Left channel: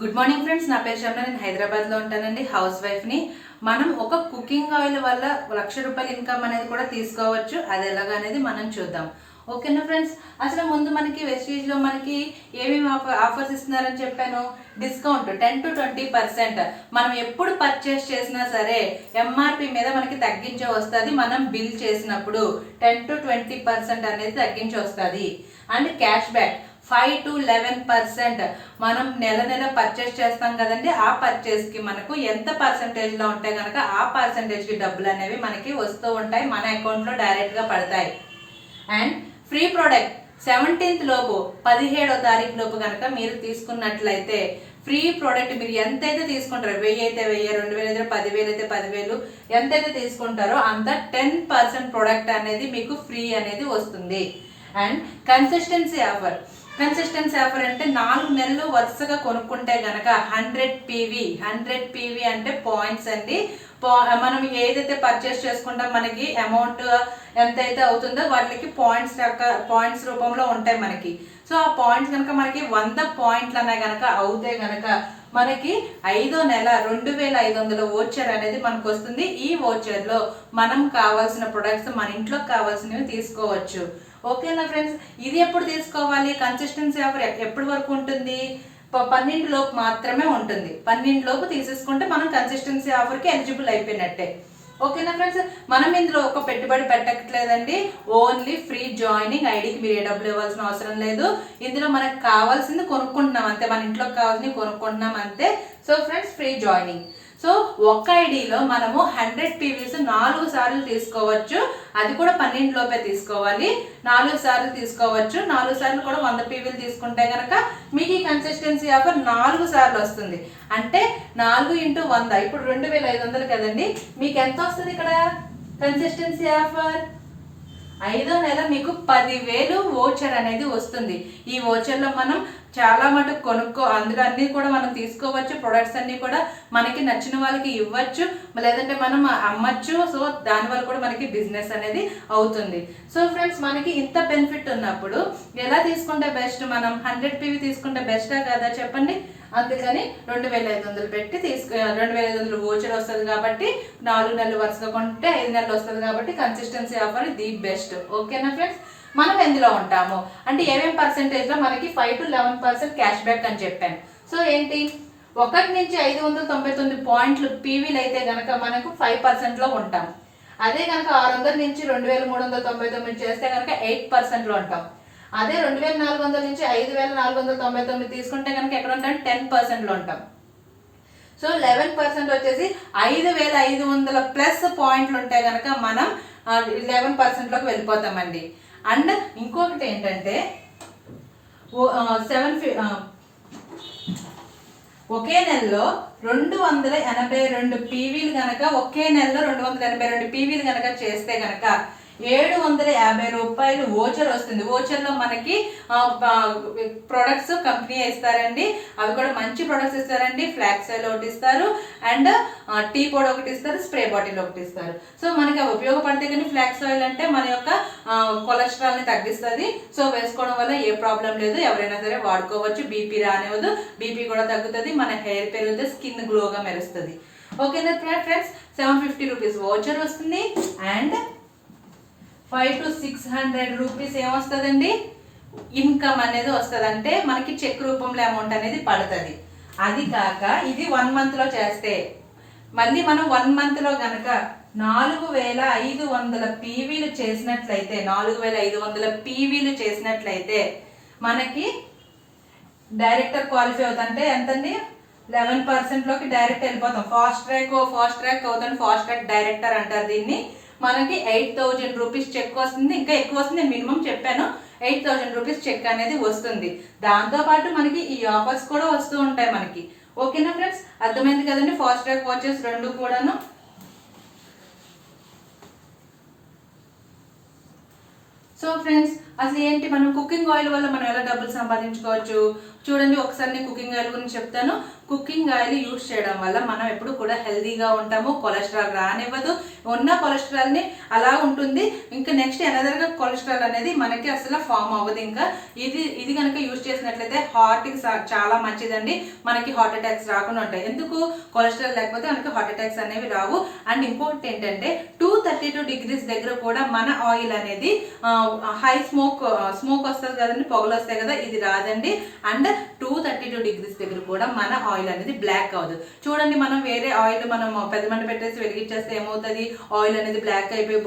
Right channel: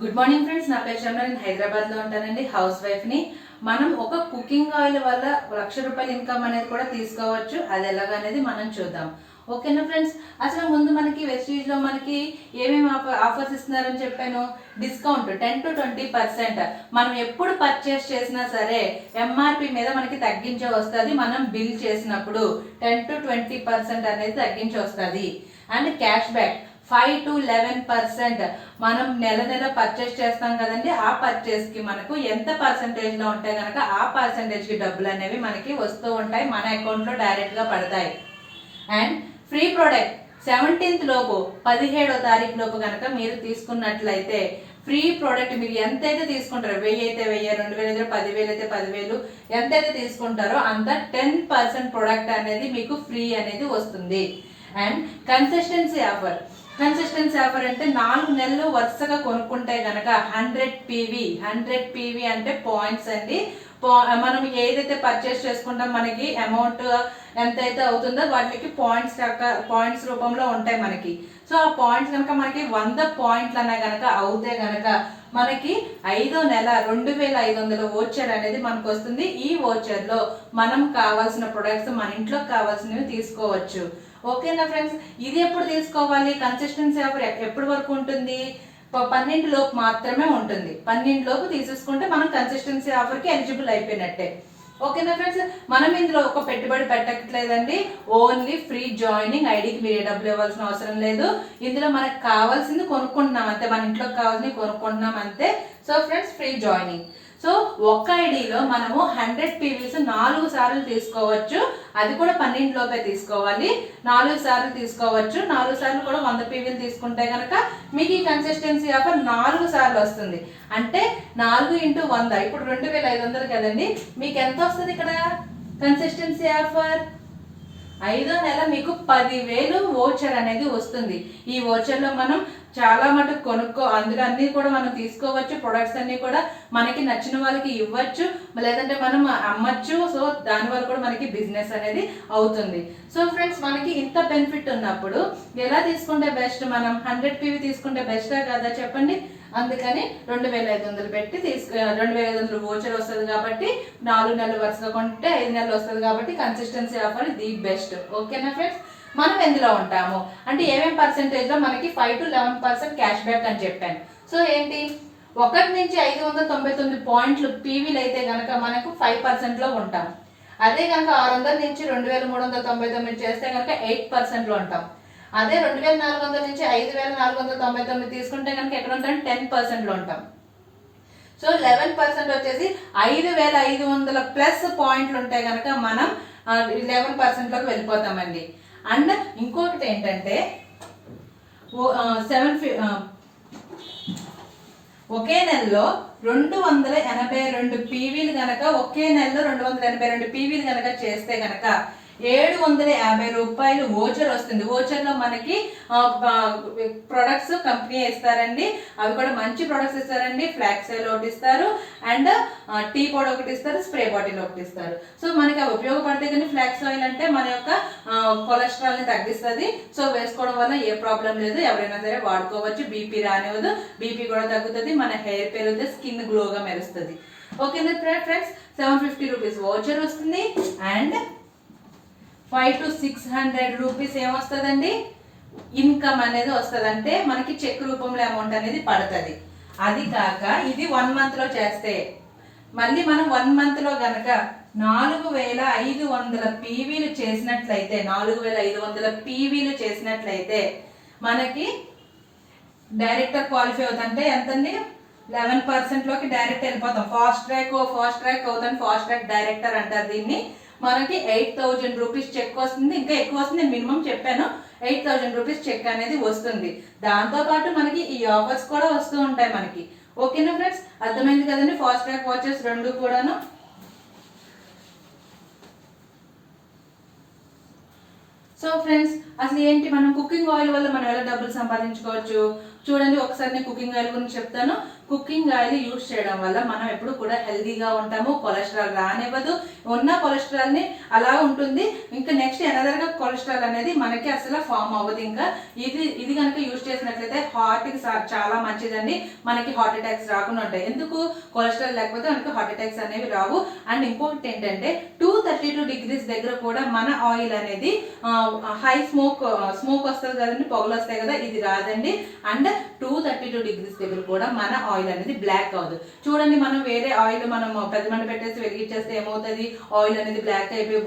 Good morning friends, నా పేరు శర్మ. నేను హైదరాబాద్లో ఉంటానండి. హౌస్ వైఫ్ని. మనం ఒక కుకింగ్ ఆయిల్ వల్ల ₹1,00,000 ఇన్కమ్ అనేది కూడా తీసుకోవచ్చు. అది ఎలాగ అనేది మనం చూద్దాం. ఓకేనా ఫ్రెండ్స్? అసలు ముందు మనకి వెస్టీజ్లో మనకి ఏమేమి ఆఫర్స్ ఇస్తున్నారని చెప్పాను. Discount 10 to 20%. మనం ఎప్పుడు పర్చేస్ చేసినా సరే ఎంఆర్పి మీద మనకి తగ్గించే వస్తుంది. మనం బిల్ చేసినప్పుడు 10 to 20% అనేది తగ్గించి వస్తుంది. And cash back 5 to 11%. మనం నెల నెల పర్చేస్ చేస్తాం కదండి, ఆ పర్చేస్ కి మనకు ఎంత పర్సెంటేజ్ లో ఉంటే కనుక ఆ పర్సెంటేజ్ కి డబ్బులు అనేవి మనకి వస్తూ ఉంటాయి, మన అకౌంట్ లో డైరెక్ట్ గా పడతాయి. అండ్ ఫ్రీ ప్రోడక్ట్ 17th లోపు 17వ తారీఖు లోపు కనుక మీరు తీసుకున్నట్లయితే ఫ్రీ ప్రోడక్ట్ మీరు ఎంతైతే తీసుకుంటారో, 1000 అయితే 1000, 2000 అయితే 10,000 అయితే 10,000, ఎంతైతే తీసుకుంటారో అంత 10% ప్రోడక్ట్ అనేది మీకు ఫ్రీ అనేది వస్తుంది. అండ్ కన్సిస్టెన్సీ ఆఫర్ అంటే 4 నెలలు వరుసగా కొనుక్కుంటే గనక 100 PV అంటే పాయింట్స్ అండి. మనం ఏదైతే పర్చేస్ చేసుకుంటాం మనకి అమౌంట్ ఎంతైతే అవుతుందో వాటికి పాయింట్స్ రూపంలో ఉంటాయి మనకి. సో ఆ పాయింట్స్ కనుక మనకి 100 పాయింట్లు అనే గనక అవుతే గనక మనకి 5వ నెల 2,500 వోచర్ అనేది మనకు వస్తుంది. ఈ వోచర్ లో మనం కావాల్సిన ప్రొడక్ట్స్ మన ఇంట్లో కావాల్సినవి తీసుకోవచ్చు. ఓకేనా ఫ్రెండ్స్? ఇది ఎప్పుడు తీసుకోవాలి? కన్సిస్టెన్సీ ఆఫర్ ఎప్పటి వరకు ఉంటుంది? 12 లోపు మాత్రమే ఉంటుంది. 12 లోపు తీసేసుకుంటే మనం కన్సిస్టెన్సీ ఆఫర్ కి ఎలిజిబుల్ అయిపోయినట్టే. ఓకేనా ఫ్రెండ్స్? మనం ఇందులో ఒక పెట్టుబడి పెట్టట్లేదండి. Only free joining. ఐడికి మీరు ఏ డబ్బులు ఇవ్వాల్సిన అవసరం లేదు. ఇందులో మనకు కావాల్సింది కొనుక్కుంటున్నాం అంతే, మన ఇంట్లోకి కావాల్సింది కొనుక్కుంటున్నాం అంతే. So friends, free joining. So ఒక ఐడిలో మనము 100 PVs 4 సార్లు తీసుకోవచ్చు. అది కూడా 12 లోపే తీసుకోవాలి. 4 సార్లు తీసుకోవచ్చు. 4 సార్లు కూడా 100 PVలు తీసుకుంటే కనుక మీకు ఈ కన్సిస్టెన్సీ ఆఫర్ 4 సార్లు వస్తుంది. అంటే 4 into 100 ఇప్పుడు 2,500 కదండి. మీకు ఎంత వస్తుంది ఇక్కడ కన్సిస్టెన్సీ ఆఫర్? 5వ నెల మీకు 10,000 వోచర్ అనేది వస్తుంది. ఈ వోచర్ లో మనం చాలా మటుకు అందులో అన్ని కూడా మనం తీసుకోవచ్చు. ప్రొడక్ట్స్ అన్ని కూడా మనకి నచ్చిన వాళ్ళకి ఇవ్వచ్చు, లేదంటే మనం అమ్మచ్చు. సో దాని వల్ల కూడా మనకి బిజినెస్ అనేది అవుతుంది. సో ఫ్రెండ్స్, మనకి ఇంత బెనిఫిట్ ఉన్నప్పుడు ఎలా తీసుకుంటే బెస్ట్? మనం 100 PV తీసుకుంటే బెస్టా కదా చెప్పండి? అందుకని 2,500 పెట్టి 2,500 వోచర్ వస్తుంది కాబట్టి 4 నెలలు వరుసగా కొంటే 5 నెలలు వస్తుంది కాబట్టి కన్సిస్టెన్సీ ఆఫర్ ది బెస్ట్. ఓకేనా ఫ్రెండ్స్? మనం ఎందులో ఉంటాము అంటే ఏమేమి పర్సెంటేజ్ లో మనకి 5 to 11% క్యాష్ బ్యాక్ అని చెప్పాను. సో ఏంటి, 1 నుంచి 599 పాయింట్లు పీవీలు అయితే గనక మనకు 5% లో ఉంటాం. అదే కనుక 600 నుంచి 2,399 చేస్తే కనుక 8% లో ఉంటాం. అదే 2,400 నుంచి 5,499 తీసుకుంటే కనుక ఎక్కడ ఉంటాం? 10% లో ఉంటాం. సో 11% వచ్చేసి 5,500 ప్లస్ పాయింట్లు ఉంటే కనుక మనం 11% లోకి వెళ్ళిపోతామండి. అండ్ ఇంకొకటి ఏంటంటే ఒకే నెలలో 282 పీవీలు గనక ఒకే నెలలో 282 పీవీలు గనక చేస్తే గనక ₹750 వోచర్ వస్తుంది. వోచర్ లో మనకి ప్రొడక్ట్స్ కంపెనీ ఇస్తారండి. అవి కూడా మంచి ప్రొడక్ట్స్ ఇస్తారండి. ఫ్లాక్స్ ఆయిల్ ఒకటి ఇస్తారు, అండ్ టీ పొడి ఒకటి ఇస్తారు, స్ప్రే బాటిల్ ఒకటి ఇస్తారు. సో మనకి అవి ఉపయోగపడితే కానీ ఫ్లాక్స్ ఆయిల్ అంటే మన యొక్క కొలెస్ట్రాల్ ని తగ్గిస్తుంది. సో వేసుకోవడం వల్ల ఏ ప్రాబ్లం లేదు, ఎవరైనా సరే వాడుకోవచ్చు. బీపీ రానివ్వదు, బీపీ కూడా తగ్గుతుంది, మన హెయిర్ పెరుగుతుంది, స్కిన్ గ్లోగా మెరుస్తుంది. ఓకేనా ఫ్రెండ్స్? ₹750 వోచర్ వస్తుంది. అండ్ 5 to 600 రూపీస్ ఏమొస్తుందండి? ఇన్కమ్ అనేది వస్తుంది. అంటే మనకి చెక్ రూపంలో అమౌంట్ అనేది పడుతుంది. అది కాక ఇది 1 month లో చేస్తే మళ్ళీ మనం 1 month లో గనక 4,500 పీవీలు చేసినట్లయితే 4,500 పీవీలు చేసినట్లయితే మనకి డైరెక్టర్ క్వాలిఫై అవుతుందంటే ఎంతండి? 11% లోకి డైరెక్ట్ వెళ్ళిపోతాం. ఫాస్ట్ ట్రాక్ అవుతుంది. ఫాస్ట్ ట్రాక్ డైరెక్టర్ అంటారు దీన్ని. మనకి 8,000 రూపీస్ చెక్ వస్తుంది. ఇంకా ఎక్కువ వస్తుంది, మినిమం చెప్పాను. 8,000 రూపీస్ చెక్ అనేది వస్తుంది. దాంతో పాటు మనకి ఈ ఆఫర్స్ కూడా వస్తూ ఉంటాయి మనకి. ఓకేనా ఫ్రెండ్స్? అర్థమైంది కదండి? ఫాస్ట్ ట్రాక్ వాచెస్ రెండు కూడాను. సో ఫ్రెండ్స్, అసలు ఏంటి, మనం కుకింగ్ ఆయిల్ వల్ల మనం ఎలా డబ్బులు సంపాదించుకోవచ్చు చూడండి. ఒకసారి నేను కుకింగ్ ఆయిల్ గురించి చెప్తాను. కుకింగ్ ఆయిల్ యూజ్ చేయడం వల్ల మనం ఎప్పుడు కూడా హెల్దీగా ఉంటాము, కొలెస్ట్రాల్ రానివ్వదు, ఉన్న కొలెస్ట్రాల్ని అలా ఉంటుంది. ఇంకా నెక్స్ట్ ఎనదర్గా కొలెస్ట్రాల్ అనేది మనకి అసలు ఫామ్ అవ్వదు. ఇంకా ఇది కనుక యూజ్ చేసినట్లయితే హార్ట్కి చాలా మంచిదండి, మనకి హార్ట్ అటాక్స్ రాకుండా ఉంటాయి. ఎందుకు, కొలెస్ట్రాల్ లేకపోతే మనకి హార్ట్ అటాక్స్ అనేవి రావు. అండ్ ఇంకోటి ఏంటంటే 232 degrees దగ్గర కూడా మన ఆయిల్ అనేది హై స్మోక్ వస్తుంది కదండి, పొగలు వస్తాయి కదా, ఇది రాదండి. అండ్ 232 degrees దగ్గర కూడా మన ఆయిల్ అనేది బ్లాక్ అవ్వదు. చూడండి, మనం వేరే ఆయిల్ మనం పెద్ద మంట పెట్టేసి వెలిగించేస్తే ఏమవుతుంది, ఆయిల్ అనేది బ్లాక్ అయిపోయి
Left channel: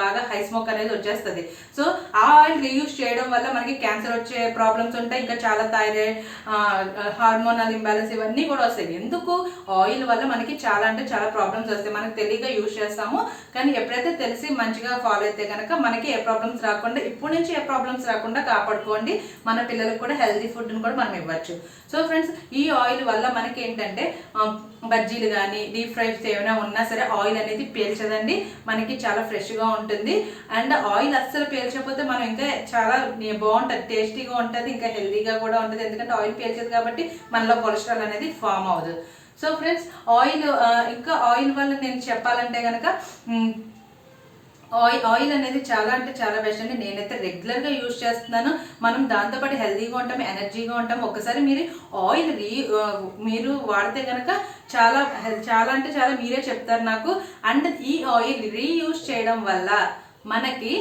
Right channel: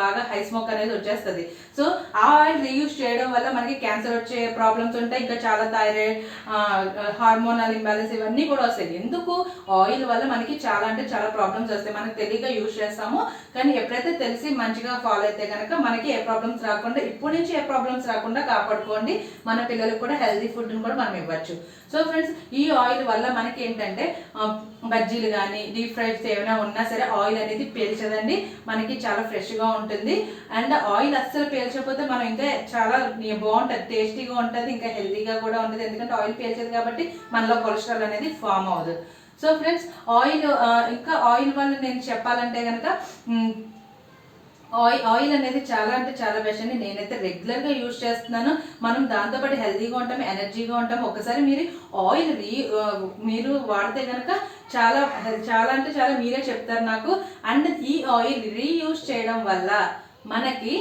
బాగా హై స్మోక్ అనేది వచ్చేస్తుంది. సో ఆ ఆయిల్ రీయూజ్ చేయడం వల్ల మనకి క్యాన్సర్ వచ్చే ప్రాబ్లమ్స్ ఉంటాయి, ఇంకా చాలా థైరాయిడ్, హార్మోనల్ ఇంబ్యాలెన్స్ ఇవన్నీ కూడా వస్తాయి. ఎందుకు, ఆయిల్ వల్ల మనకి చాలా అంటే చాలా ప్రాబ్లమ్స్ వస్తాయి. మనకి తెలియక యూజ్ చేస్తాము, కానీ ఎప్పుడైతే తెలిసి మంచిగా ఫాలో అయితే కనుక మనకి ఏ ప్రాబ్లమ్స్ రాకుండా, ఇప్పటి నుంచి ఏ ప్రాబ్లమ్స్ రాకుండా కాపాడుకోండి. మన పిల్లలకు కూడా హెల్తీ ఫుడ్ని కూడా మనం ఇవ్వచ్చు. సో ఫ్రెండ్స్, ఈ ఆయిల్ వల్ల మనకి ఏంటంటే బజ్జీలు కానీ డీప్ ఫ్రైస్ ఏమైనా ఉన్నా సరే ఆయిల్ అనేది పీల్చదండి, మనకి చాలా ఫ్రెష్గా ఉంటుంది. అండ్ ఆయిల్ అస్సలు పీల్చకపోతే మనం ఇంకా చాలా బాగుంటుంది, టేస్టీగా ఉంటుంది, ఇంకా హెల్తీగా కూడా ఉంటుంది. ఎందుకంటే ఆయిల్ పీల్చదు కాబట్టి మనలో కొలెస్ట్రాల్ అనేది ఫామ్ అవ్వదు. సో ఫ్రెండ్స్, ఇంకా ఆయిల్ వల్ల నేను చెప్పాలంటే కనుక ఆయిల్ అనేది చాలా అంటే చాలా బెస్ట్ అండి. నేనైతే రెగ్యులర్గా యూజ్ చేస్తున్నాను. మనం దాంతోపాటు హెల్తీగా ఉంటాము, ఎనర్జీగా ఉంటాము. ఒకసారి ఆయిల్ మీరు వాడితే కనుక చాలా అంటే చాలా మీరే చెప్తారు నాకు. అండ్ ఈ ఆయిల్ రీయూజ్ చేయడం వల్ల మనకి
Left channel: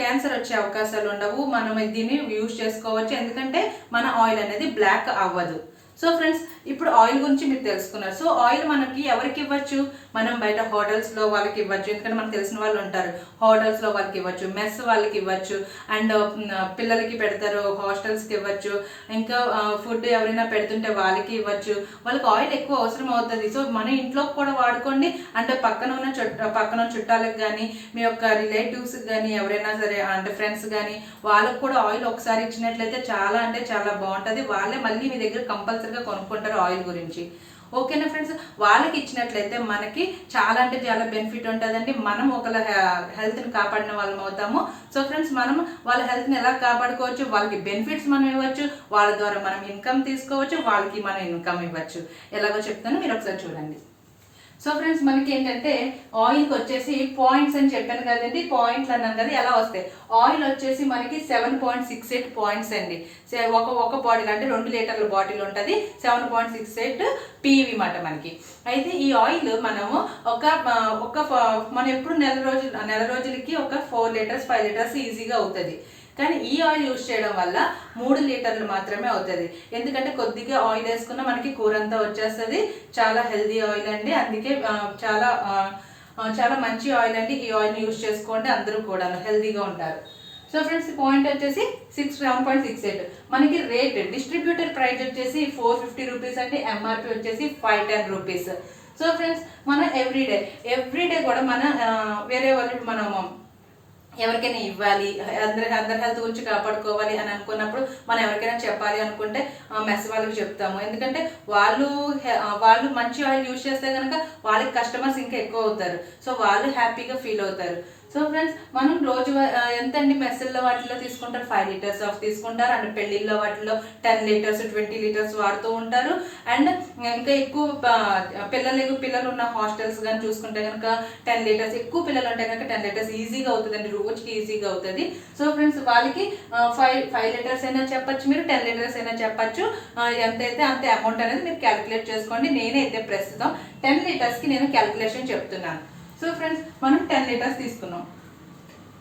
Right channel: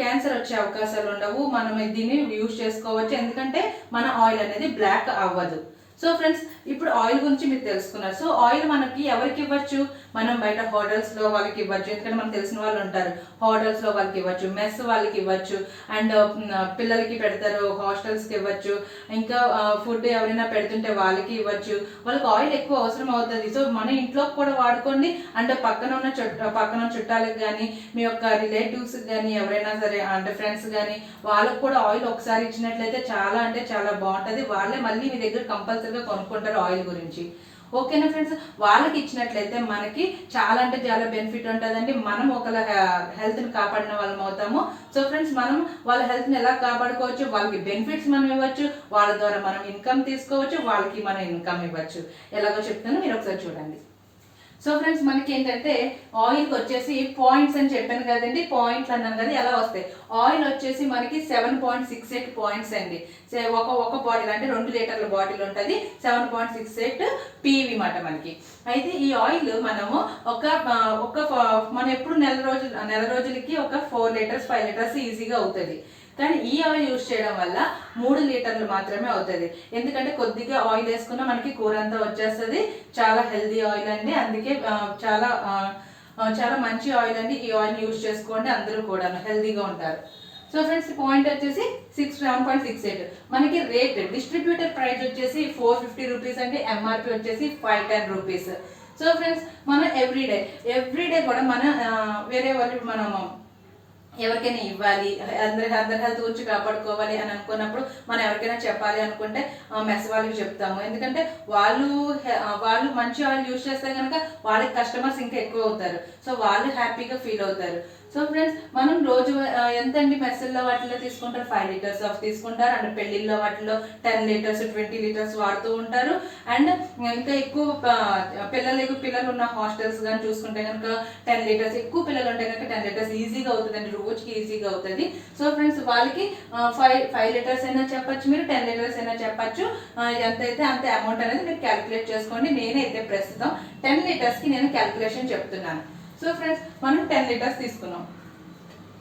క్యాన్సర్ వచ్చే అవకాశాలు ఉండవు. మనం దీన్ని యూజ్ చేసుకోవచ్చు, ఎందుకంటే మన ఆయిల్ అనేది బ్లాక్ అవ్వదు. సో ఫ్రెండ్స్, ఇప్పుడు ఆయిల్ గురించి మీరు తెలుసుకున్నారు. సో ఆయిల్ మనకి ఎవరికి ఇవ్వచ్చు, మనం బయట హోటల్స్లో వాళ్ళకి ఇవ్వచ్చు, ఎందుకంటే మనకు తెలిసిన వాళ్ళు ఉంటారు, హోటల్స్లో వాళ్ళకి ఇవ్వచ్చు, మెస్ వాళ్ళకి ఇవ్వచ్చు, అండ్ పిల్లలకి పెడతారు హాస్టల్స్కి ఇవ్వచ్చు, ఇంకా ఫుడ్ ఎవరైనా పెడుతుంటే వాళ్ళకి ఇవ్వచ్చు. వాళ్ళకి ఆయిల్ ఎక్కువ అవసరం అవుతుంది. సో మన ఇంట్లో కూడా వాడుకోండి. అంటే పక్కన చుట్టాలకు కానీ, మీ యొక్క రిలేటివ్స్కి కానీ, ఎవరైనా సరే అంటే ఫ్రెండ్స్ కానీ, వాళ్ళకి కూడా ఆయిల్ ఒకసారి ఇచ్చినట్లయితే చాలా అంటే చాలా బాగుంటుంది. వాళ్ళే మళ్ళీ మీ దగ్గర కంపల్సరీగా కొనుక్కుంటారు ఆయిల్ గురించి. ఓకేనా ఫ్రెండ్స్, వాళ్ళకి ఇచ్చినట్లయితే మనకి చాలా అంటే చాలా బెనిఫిట్ ఉంటుందండి. మనం ఒకళ్ళ హెల్త్ని కాపాడిన వాళ్ళం అవుతాము. సో ఫ్రెండ్స్, మనం వాళ్ళ హెల్త్ని ఎలా కాపాడుకోవచ్చు, వాళ్ళకి బెనిఫిట్స్ మనం ఇవ్వచ్చు, వాళ్ళ ద్వారా మనం ఇన్కమ్ తీసుకోవచ్చు, వాళ్ళకి మనం ఇన్కమ్ ఇవ్వచ్చు. ఎలాగో చెప్తాను, మీరు ఒకసారి చూడండి. సో ఫ్రెండ్స్, మనకి ఏంటంటే ఆయిల్కి వచ్చేసి పాయింట్స్ అని చెప్పాను కదండి, పాయింట్లు అన్నాను కదా, ఎలా వస్తాయి. ఆయిల్ వచ్చేసి మనకి 7.68 పాయింట్స్ అండి. ఒక బాటిల్ అంటే 2 లీటర్ల బాటిల్ ఉంటుంది, 7.68 PV మాట మనకి. అయితే ఈ ఆయిల్ మనము మనం ఎప్పుడు నెల రోజులకి ఒక 4 లీటర్స్ 5 లీటర్స్ ఈజీగా అవుతుంది. కానీ ఈ ఆయిల్ యూజ్ చేయడం వల్ల 3 లీటర్లు మాత్రమే అవుతుంది. ఎందుకంటే కొద్దిగా ఆయిల్ వేసుకున్న మనకి కూర అంతా వచ్చేస్తుంది. చాలా హెల్దీ ఆయిల్ అండి, అందుకే చాలా మంచి ఆయిల్ అండి. ఈ ఆయిల్ యూజ్ చేసుకోండి, అందరూ కూడా హెల్దీగా ఉంటారు. సో ఫ్రెండ్స్, పాయింట్ వచ్చేసి 7.68. మనకి రేట్ డిస్ట్రిబ్యూటర్ ప్రైస్ వచ్చేసి 450 రూపీస్ అండి, MRP వచ్చేసి 510 రూపీస్. సో ఫ్రెండ్స్, మనం ఎవ్రీడే కూడా వేరే వాళ్ళు మనము ఎవరికైనా ఇవ్వాలి, అందరి హెల్త్ గురించి కాపాడుకోవాలి అని అనుకున్నప్పుడు మనం ఎవరికైనా చెప్పాలి అనుకుంటే మెస్ వాళ్ళకి చెప్తాము. ఎందుకంటే వాళ్ళు మంచి ఆయిల్ యూజ్ చేస్తే కనుక వాళ్ళకి కస్టమర్స్ ఇంకా ఎక్కువ అవుతారు. సో వాళ్ళు హ్యాపీగా ఫీల్ అవుతారు. సో ఫ్రెండ్స్, మనం రోజు ఎంతండి మెస్సుల్లో వాటిలో తీసుకుంటారు, 5 లీటర్స్ ఆఫ్ తీసుకుంటారు. అండ్ పెళ్లిళ్ళలో వాటిలో 10 లీటర్స్ 20 లీటర్స్ వాడుతూ ఉంటారు. అండ్ ఇంకా ఎక్కువ పిల్లలు ఉన్న హాస్టల్స్ కానీ చూసుకుంటే కనుక 10 లీటర్స్, ఎక్కువ పిల్లలు ఉంటే కనుక 10 లీటర్స్ ఈజీగా అవుతుందండి, రోజుకి ఈజీగా అవుతుంది. సో ఫ్రెండ్స్, వాళ్ళకి 5 లీటర్స్ అయినా చెప్పచ్చు, మీరు 10 లీటర్స్ అయినా చెప్పచ్చు. ఎంతైతే అంతే అమౌంట్ అనేది మీరు క్యాలిక్యులేట్ చేసుకోండి. నేనైతే ప్రస్తుతం 10 లీటర్స్కి నేను క్యాలిక్యులేషన్ చెప్తున్నాను. సో ఫ్రెండ్స్, మనం 10 లీటర్స్ తీసుకున్నాం.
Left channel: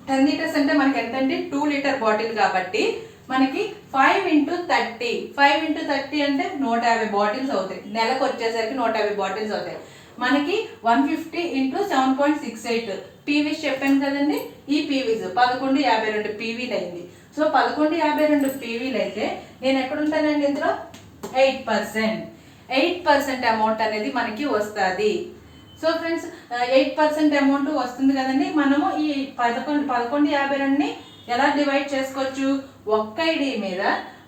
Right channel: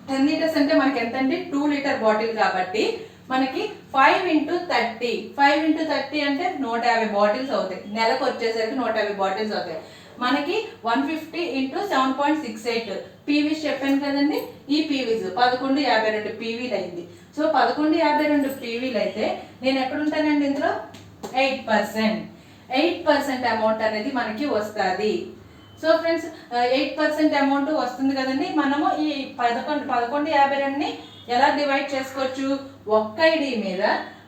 10 లీటర్స్ అంటే మనకి ఎంత అండి, 2 లీటర్ బాటిల్ కాబట్టి మనకి 5 × 30 అంటే 150 బాటిల్స్ అవుతాయి. నెలకు వచ్చేసరికి 150 బాటిల్స్ అవుతాయి. మనకి 150 × 7.68 పీవీస్ చెప్పాను కదండి. ఈ పీవీస్ 1152 పీవీలు అయింది. సో 1152 పీవీలు అయితే నేను ఎక్కడుంటానండి, ఇందులో 8% అమౌంట్ అనేది మనకి వస్తుంది. సో ఫ్రెండ్స్, 8% అమౌంట్ వస్తుంది కదండి. మనము ఈ 1152ని ఎలా డివైడ్ చేసుకోవచ్చు, ఒక్క ఐడి మీద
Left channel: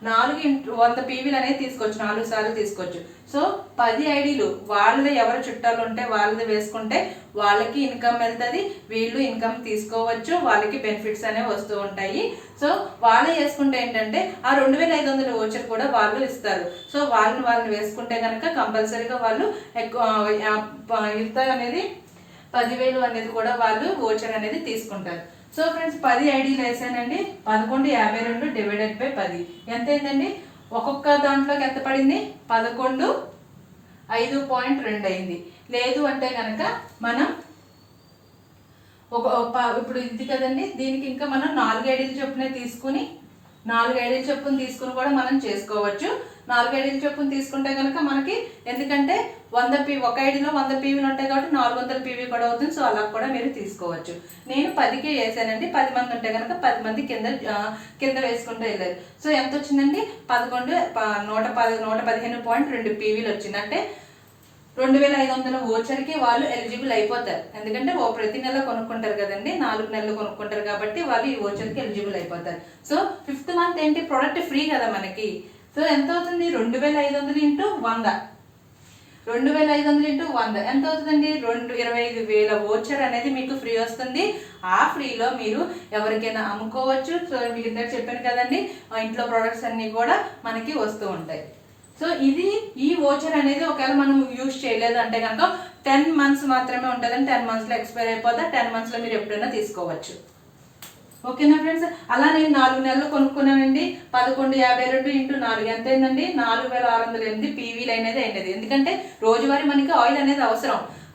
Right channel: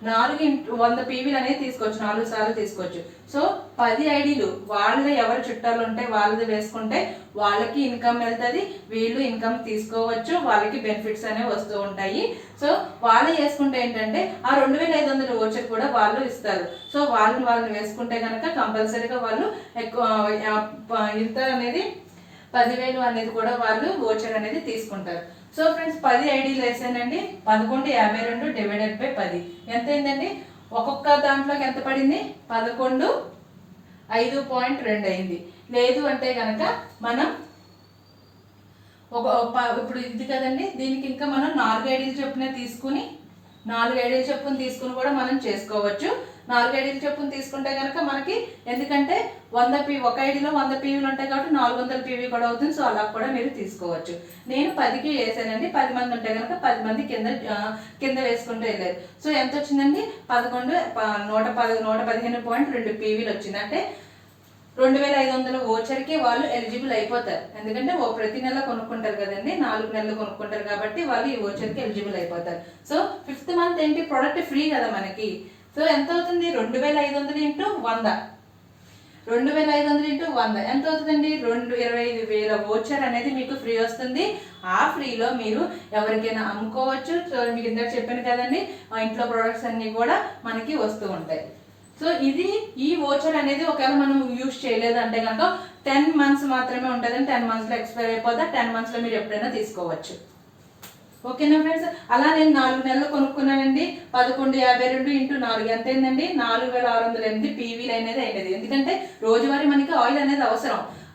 100 పీవీలు అనేది తీసుకోవచ్చు, 4 సార్లు తీసుకోవచ్చు. సో 10 ఐడీలు వాళ్ళు ఎవరు చుట్టాలు ఉంటే వాళ్ళది వేసుకుంటే వాళ్ళకి ఇన్కమ్ వెళ్తుంది, వీళ్ళు ఇన్కమ్ తీసుకోవచ్చు, వాళ్ళకి బెనిఫిట్స్ అనేవి వస్తూ ఉంటాయి. సో వాళ్ళు వేసుకుంటే ఏంటంటే ఆ 2500 ఓచర్ కూడా వాళ్ళు ఇస్తారు. సో వాళ్ళు వేసుకుంటే కనుక కంపల్సరీగా వాళ్ళు ఇంత అనేది 10,000 అనేది కూడా వాళ్ళు ఓచర్ అనేది తీసుకుంటారు. సో ఫ్రెండ్స్ 10 ఐడీలు వేసానండి. 1152 డివైడెడ్ బై 10 ఎంత అయిందండి? ఒక్కొక్క దాంట్లోకి ఎంత పడింది? 11 5.2 అయింది. లేదు అంటే కనుక మనం ఇప్పుడు ఇది కదండి, దీనికి ఇంకా మనం 4 ఐడీలు చొప్పున తీసుకుని కూడా మనం చేసుకోవచ్చు. 4 ఐడీలు చొప్పున తీసుకుంటే కనుక మనకి, ఎందుకంటే ఒక ఐడీలో 100 పీవీలు ఉంటాయి కాబట్టి 400 పీవీ కూడా అవుతుంది. సో అలా కూడా మీరు తీసుకోవచ్చు. నేను 10కి వేసానండి. 10 మంది ఉంటే కనుక 10 మంది కింద వేసుకుంటూ వెళ్ళారు. సో ఎంత వచ్చిందండి? 115.2 పీవీలు వచ్చింది. అంటే 2500 ఓచర్కి వాళ్ళు ఎలిజిబుల్ అయిపోతారు. ఎందుకంటే ప్రతి నెల కొనుక్కుంటారు కదండి, 4 నెలలు కొనుక్కుంటారు కాబట్టి వాళ్ళు ఈ ఓచర్కి ఎలిజిబుల్ అయిపోతారు. సో 5th మంత్ ఏంటి, ప్రొడక్ట్ ఫ్రీ కదా మనకి. సో ఎంత అవుతుంది? 2500 ఇంటూ 100. 2500 ఇంటూ 100 ఎంత అవుతుందండి? 25,000 ఓచర్ అనేది మీకు ఫ్రీ వస్తుంది. ఆ ఫ్రీలో మీరు ఎవరికైనా అమ్ముకోవచ్చు. సో మీకు ఇందాక చెప్పాను కదండి, ఇంట్లో ప్రొడక్ట్స్ అన్ని కూడా మనకి వస్తూ ఉంటాయి. సో ఈ ఓచర్ అనేది ఒకవేళ మనం యూజ్ చేయలేదు అంటే కనుక 10 మంత్స్ మాత్రమే ఉంటుందని, 10 మంత్స్లో ఎక్స్పైర్ అయిపోతే 10 మంత్స్లో మీరు ఎప్పుడైనా తీసుకోవచ్చు. ఓకేనా ఫ్రెండ్స్? అలా నేను 4 నెలలు కొనుక్కున్నానండి. 1152 ఇంటూ 4 ఎంత అయిందండి? 4608 పీవీలు అనేది అయినది. ఎందుకంటే రోజువారీ మనకి ఆయిల్ అనేది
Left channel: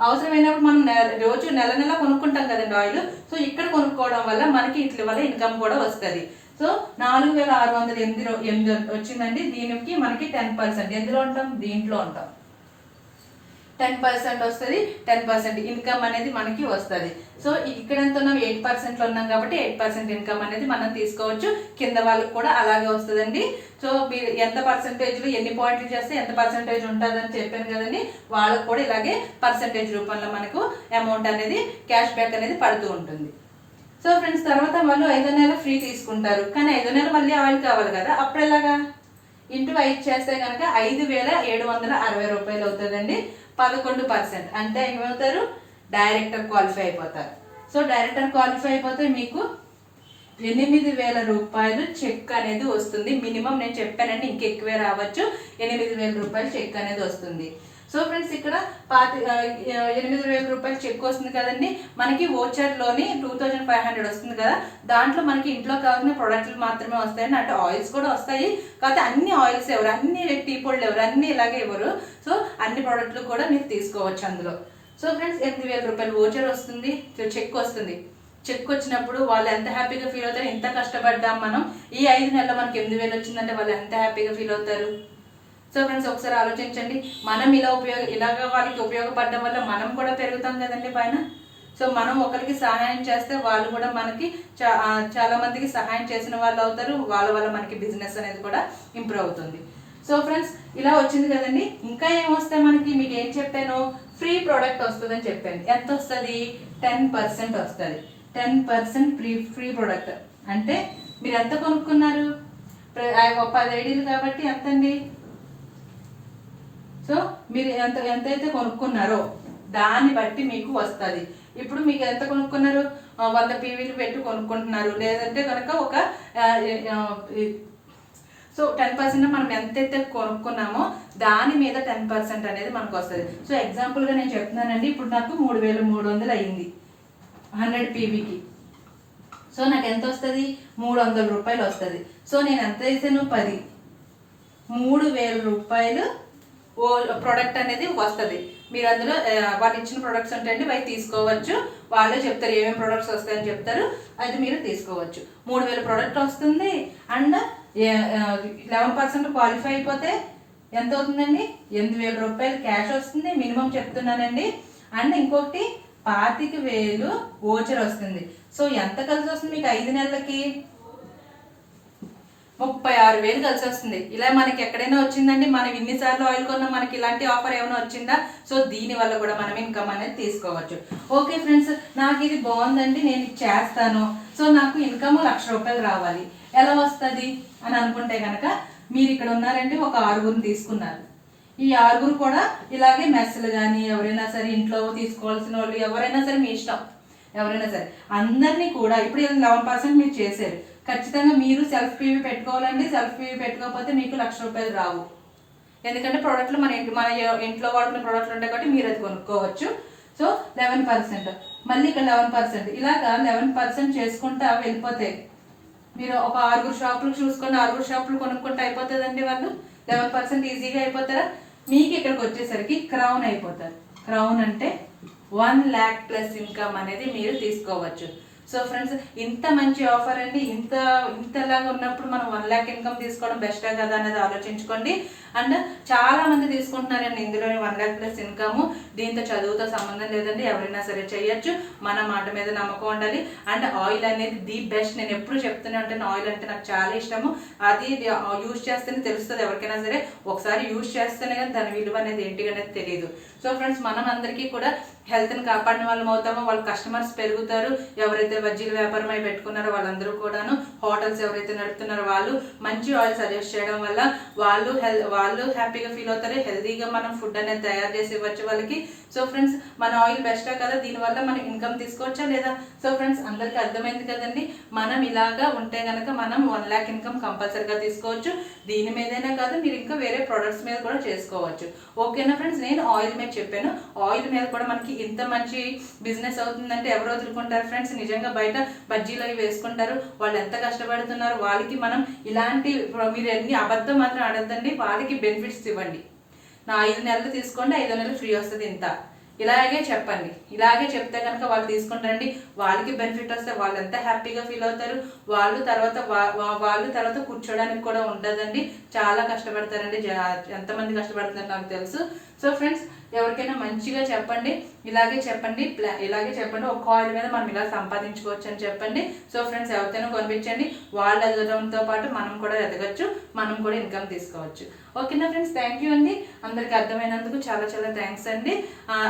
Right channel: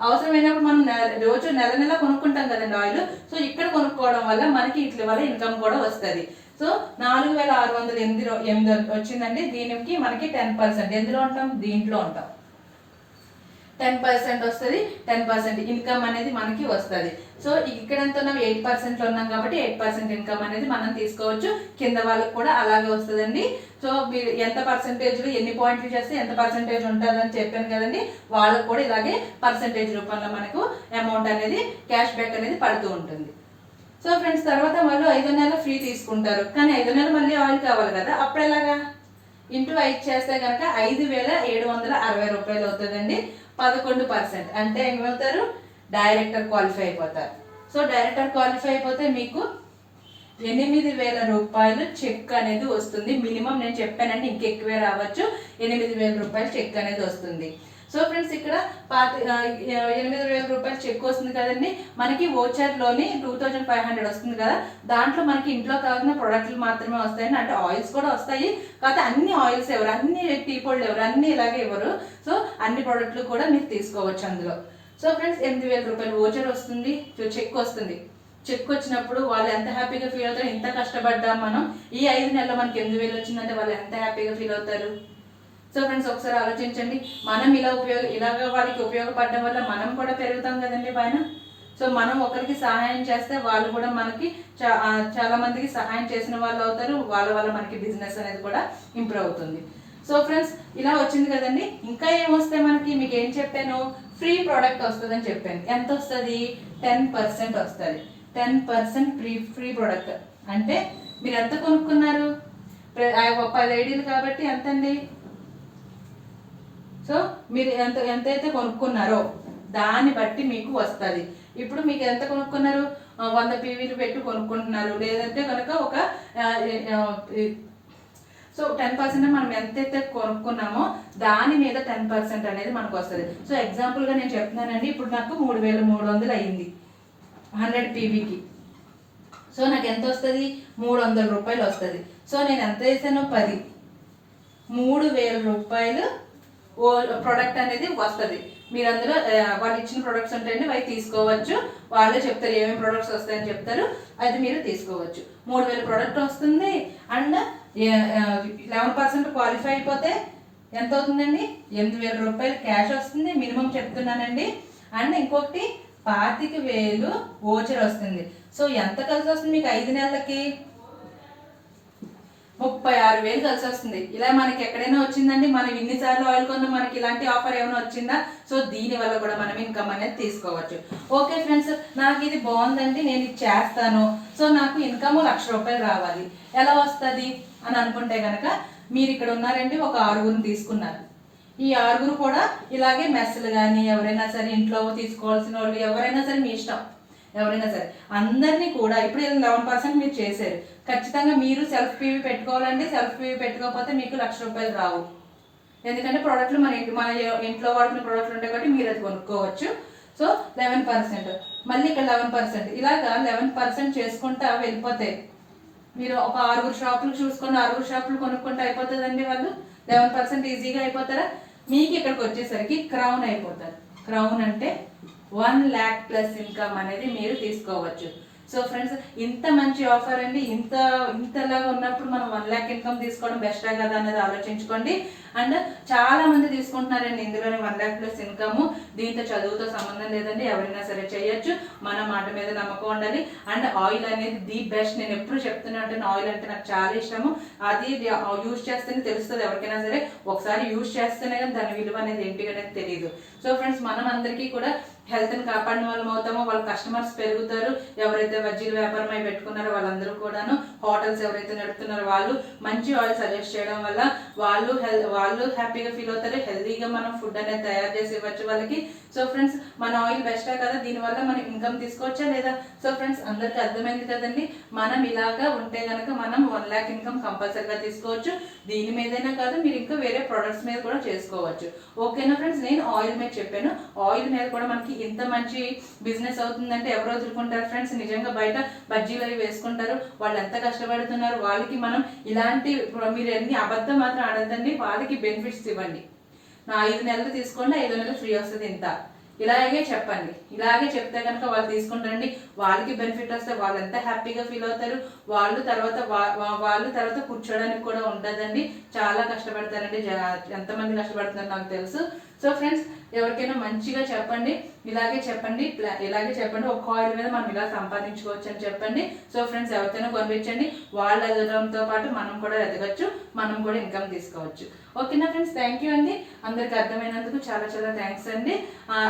అవసరమైనప్పుడు మనం రోజు నెల కొనుక్కుంటాం కదండి ఆయిల్. సో ఇక్కడ కొనుక్కోవడం వల్ల మనకి ఇట్ల వల్ల ఇన్కమ్ కూడా వస్తుంది. సో 4608 వచ్చిందండి. దీనికి మనకి 10% ఎందులో ఉంటాం? దీంట్లో ఉంటాం. 10% వస్తుంది. 10% ఇన్కమ్ అనేది మనకి వస్తుంది. సో ఇక్కడ ఎంత ఉన్నాం? 8% ఉన్నాం కాబట్టి 8% ఇన్కమ్ అనేది మనం తీసుకోవచ్చు. కింద వాళ్ళకి కూడా అలాగే వస్తుందండి. సో మీరు ఎంత పర్సెంటేజ్లో ఎన్ని పాయింట్లు చేస్తే ఎంత పర్సెంటేజ్ ఉంటుందని చెప్పాను కదండి, వాళ్ళకు కూడా ఇలాగే పర్సెంటేజ్ రూపంలో మనకు అమౌంట్ అనేది క్యాష్ బ్యాక్ అనేది పడుతూ ఉంటుంది. సో ఫ్రెండ్స్ తర్వాత వాళ్ళు 5వ నెల ఫ్రీ తీసుకుంటారు. కానీ 5వ నెల మళ్ళీ ఆయిల్ కావాలి కదా, అప్పుడు ఎలాగా? ఇంటూ 5 చేస్తే కనుక 5,760 రూపాయలు అవుతుందండి. 11% అంటే ఏమవుతారు? డైరెక్టర్ క్వాలిఫై అయిపోతారు. సో డైరెక్టర్ క్వాలిఫై అయిపోతే మీకు 8,000 రూపాయలు చెక్ అనేది వస్తుంది. మినిమం నేను చెప్పానండి, ఇంకెక్కువే రావచ్చు. 8,000 రూపాయలు చెక్ అనేది వస్తుంది. సో ఫ్రెండ్స్ ఇక్కడ 8,000 రూపాయలు చెక్ వస్తుంది కదండి. మనకి ఓచర్లోని 2,500 వస్తుంది కదా, దాంట్లో మనకి ఇంట్లో కావాల్సిన ప్రొడక్ట్లు మాత్రమే వస్తాయండి. అంటే ఆయిల్స్ కూడా వస్తాయి, కాకపోతే అన్ని ఆయిల్స్ ఎవరు, అన్ని టీ పొడులు ఎవరు, అన్ని ఇలాగే ఇవ్వరు. సో అన్ని ప్రొడక్ట్లు కూడా మీరు తీసుకోవచ్చు అందులో. సో ఫ్రెండ్స్ 8,000 రూపాయలు ఓచర్ వస్తుంది, చెక్ వస్తుంది. చెక్ వచ్చినప్పుడు వాళ్ళు ఎంత హ్యాపీగా ఫీల్ అవుతారు? ఇంత కష్టపడ్డాం మనం, ఈ 5 నెలల్లో మనకి 8,000 వచ్చిందంటే వాళ్ళు ఎంత హ్యాపీగా ఫీల్ అవుతారు? సో ఫ్రెండ్స్ ఒకసారి ఆలోచించండి. మనం ఇలాగ వాళ్ళకి ఉపయోగపడడం వల్ల మనం కూడా పెరుగుతాం కదండి పైన. సో మనం ఒకరికి సహాయం చేస్తే వాళ్ళు కూడా మనకి చాలా మందికి సహాయం చేసిన వాళ్ళు అవుతారు. వాళ్ళ వల్ల మనకి బిజినెస్ అనేది కూడా ఇంప్రూవ్ అవుతుంది. సో ఫ్రెండ్స్ ఇలా వచ్చింది కదండి. ఇంకా ఏమొస్తాయి మనకి? మీకు ఏం చెప్పాను? ఫ్రీ ప్రోడక్ట్ వస్తుందని చెప్పాను. ఎంత వస్తుంది? 10% వస్తుంది. 10% ఫ్రీ ప్రోడక్ట్ అంటే మీరు ఎంత కొనుక్కున్నారు? 10 ఐడీలు కాబట్టి ఎంతండి? సో మీరు ఎంతైతే కొనుక్కున్నారో దాన్ని బట్టి మీకు వస్తుంది. ఇప్పుడు మీకు ఎంత కొనుక్కున్నారు? 100 పీవీలు పెట్టి కొనుక్కుంటున్నారు, లేదంటే కనుక ఒక సో 10% మనం ఎంతైతే కొనుక్కున్నామో దాని మీద 10% అనేది మనకు వస్తుంది. సో ఎగ్జాంపుల్గా నేను చెప్తున్నానండి, ఇప్పుడు నాకు 3,300 అయింది 100 పీవీకి. సో నాకు ఎంత వస్తుంది? 300 రూపాయలు వస్తుంది. సో నేను ఎంత వేసాను? 10. 3,000 రూపాయలు ప్రోడక్ట్ అనేది వస్తుంది. మీరు అందులో వాళ్ళు ఇచ్చిన ప్రొడక్ట్స్ ఉంటాయండి, అవి తీసుకోవచ్చు. వాళ్ళే చెప్తారు ఏమేమి ప్రొడక్ట్స్ వస్తాయని చెప్తారు, అది మీరు తీసుకోవచ్చు. 3,000 ప్రోడక్ట్ వస్తుంది. అండ్ 11% క్వాలిఫై అయిపోతే ఎంత అవుతుందండి? 8,000 రూపాయలు క్యాష్ వస్తుంది మినిమం చెప్తున్నానండి. అండ్ ఇంకొకటి 25,000 ఓచర్ వస్తుంది. సో ఎంత కలిసి వస్తుంది మీకు 5 నెలలకి? 36,000 కలిసి వస్తుంది. ఇలా మనకి ఎక్కడైనా వచ్చిందండి? మనం ఇన్నిసార్లు ఆయిల్ కొన్నా మనకి ఇలాంటి ఆఫర్ ఏమైనా వచ్చిందా? సో దీని వల్ల కూడా మనం ఇన్కమ్ అనేది తీసుకోవచ్చు. ఓకే ఫ్రెండ్స్, నాకు ఇది బాగుందండి, నేను ఇది చేస్తాను. సో నాకు ఇన్కమ్ 1,00,000 రూపాయలు రావాలి, ఎలా వస్తుంది అని అనుకుంటే కనుక మీరు ఇక్కడ ఉన్నారండి, ఒక 6గురిని తీసుకున్నారు. ఈ 6గురు కూడా ఇలాగే మెస్సులు కానీ ఎవరైనా సరే ఇంట్లో తీసుకోవాల్సిన వాళ్ళు ఎవరైనా సరే మీ ఇష్టం, ఎవరైనా సరే అందరినీ కూడా ఇప్పుడు 11% మీరు చేశారు. ఖచ్చితంగా మీరు సెల్ఫ్ పీవీ పెట్టుకోవాలండి. సెల్ఫ్ పీవీ పెట్టుకోకపోతే మీకు ₹1,00,000 రావు. ఎందుకంటే ప్రోడక్ట్లు మన ఇంట్లో వాడుకునే ప్రోడక్ట్లు ఉంటాయి కాబట్టి మీరు అది కొనుక్కోవచ్చు. సో 11%, మళ్ళీ ఇక్కడ 11%, ఇలాగా 11% చేసుకుంటా వెళ్ళిపోతాయి. మీరు ఒక 6 షాపులు చూసుకొని 6 షాపులు కొనుక్కుంటే అయిపోతుందండి. వాళ్ళు 11% ఈజీగా అయిపోతారా? మీకు ఇక్కడికి వచ్చేసరికి క్రౌన్ అయిపోతారు. క్రౌన్ అంటే 1 lakh ప్లస్ ఇన్కమ్ అనేది మీరు తీసుకోవచ్చు. సో ఫ్రెండ్స్, ఇంత మంచి ఆఫర్ అండి. ఇంతలాగా ఉన్నప్పుడు మనం 1 lakh ఇన్కమ్ తీసుకోవడం బెస్టే కదా అనేది ఆలోచించుకోండి. అండ్ చాలా మంది తీసుకుంటున్నారండి ఇందులోని 1 lakh ప్లస్ ఇన్కమ్. దీంతో చదువుతో సంబంధం లేదండి, ఎవరైనా సరే చేయొచ్చు. మన మాట మీద నమ్మకం ఉండాలి. అండ్ ఆయిల్ అనేది ది బెస్ట్. నేను ఎప్పుడు చెప్తూనే ఉంటాను, ఆయిల్ అంటే నాకు చాలా ఇష్టము. అది యూజ్ చేస్తేనే తెలుస్తుంది ఎవరికైనా సరే. ఒకసారి యూజ్ చేస్తేనే కానీ దాని విలువ అనేది ఏంటి అనేది తెలియదు. సో ఫ్రెండ్స్, మనం అందరికీ కూడా హెల్త్ని కాపాడిన వాళ్ళం అవుతామో, వాళ్ళ కస్టమర్స్ పెరుగుతారు. ఎవరైతే బజ్జీల వ్యాపారం అయి పెట్టుకున్నారో వాళ్ళందరూ కూడాను, హోటల్స్ ఎవరైతే నడుపుతున్నారో వాళ్ళు మంచి ఆయిల్ సజెస్ట్ చేయడం వల్ల వాళ్ళు హ్యాపీగా ఫీల్ అవుతారు. హెల్తీగా మనం ఫుడ్ అనేది తయారు చేసి ఇవ్వచ్చు వాళ్ళకి. సో ఫ్రెండ్స్, మన ఆయిల్ బెస్టే కదా, దీనివల్ల మనం ఇన్కమ్ తీసుకోవచ్చా లేదా? సో ఫ్రెండ్స్, అందరికీ అర్థమైంది కదండి. మనం ఇలాగా ఉంటే కనుక మనం 1 lakh ఇన్కమ్ కంపల్సరీగా తీసుకోవచ్చు. దీని మీదనే కాదు, మీరు ఇంకా వేరే ప్రొడక్ట్స్ మీద కూడా చేసుకోవచ్చు. ఓకేనా ఫ్రెండ్స్? నేను ఆయిల్ మీద చెప్పాను. ఆయిల్ మీద కూడా మనకి ఇంత మంచి బిజినెస్ అవుతుందంటే ఎవరు వదులుకుంటారు ఫ్రెండ్స్? నిజంగా బయట బజ్జీలు అవి వేసుకుంటారు, వాళ్ళు ఎంత కష్టపడుతున్నారు. వాళ్ళకి మనం ఇలాంటి, మీరు ఎన్ని అబద్ధం మాత్రం ఆడద్దండి, వాళ్ళకి బెనిఫిట్స్ ఇవ్వండి. నా 5 నెలలు తీసుకోండి, 5 నెలలు ఫ్రీ వస్తుంది ఇంత, ఇలాగే చెప్పండి. ఇలాగే చెప్తే కనుక వాళ్ళు తీసుకుంటారండి. వాళ్ళకి బెనిఫిట్ వస్తే వాళ్ళు ఎంత హ్యాపీగా ఫీల్ అవుతారు. వాళ్ళు తర్వాత కూర్చోడానికి కూడా ఉండదండి. చాలా కష్టపడతారండి. ఎంతమంది కష్టపడుతున్నారు నాకు తెలుసు. సో ఫ్రెండ్స్, ఎవరికైనా మంచిగా చెప్పండి, ఇలాగే చెప్పండి. ఒక ఆయిల్ మీద మనం ఇలా సంపాదించుకోవచ్చు అని చెప్పండి. సో ఫ్రెండ్స్, ఎవరికైనా కొనిపించండి. వాళ్ళు ఎదగడంతో పాటు మనం కూడా ఎదగచ్చు, మనం కూడా ఇన్కమ్ తీసుకోవచ్చు. ఓకేనా ఫ్రెండ్స్? థ్యాంక్ యూ అండి. అందరికి అర్థమైనందుకు చాలా చాలా థ్యాంక్స్ అండి.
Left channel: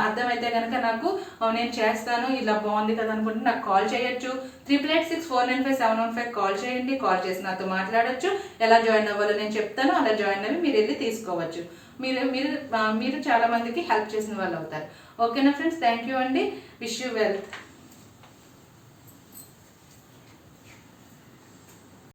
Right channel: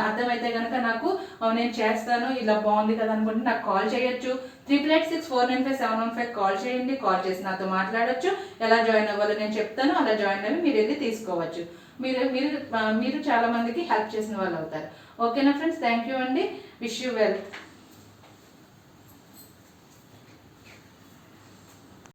అర్థమైతే కనుక నాకు నేను చేస్తాను, ఇలా బాగుంది కదా అనుకుంటే నాకు కాల్ చేయొచ్చు. 8886495715 కాల్ చేయండి. కాల్ చేసి నాతో మాట్లాడొచ్చు. ఎలా జాయిన్ అవ్వాలో నేను చెప్తాను, అలా జాయిన్ అయ్యి మీరు వెళ్ళి తీసుకోవచ్చు. మీరు చాలా మందికి హెల్ప్ చేసిన వాళ్ళు అవుతారు. ఓకేనా ఫ్రెండ్స్? థ్యాంక్ యూ అండి. Wish you well.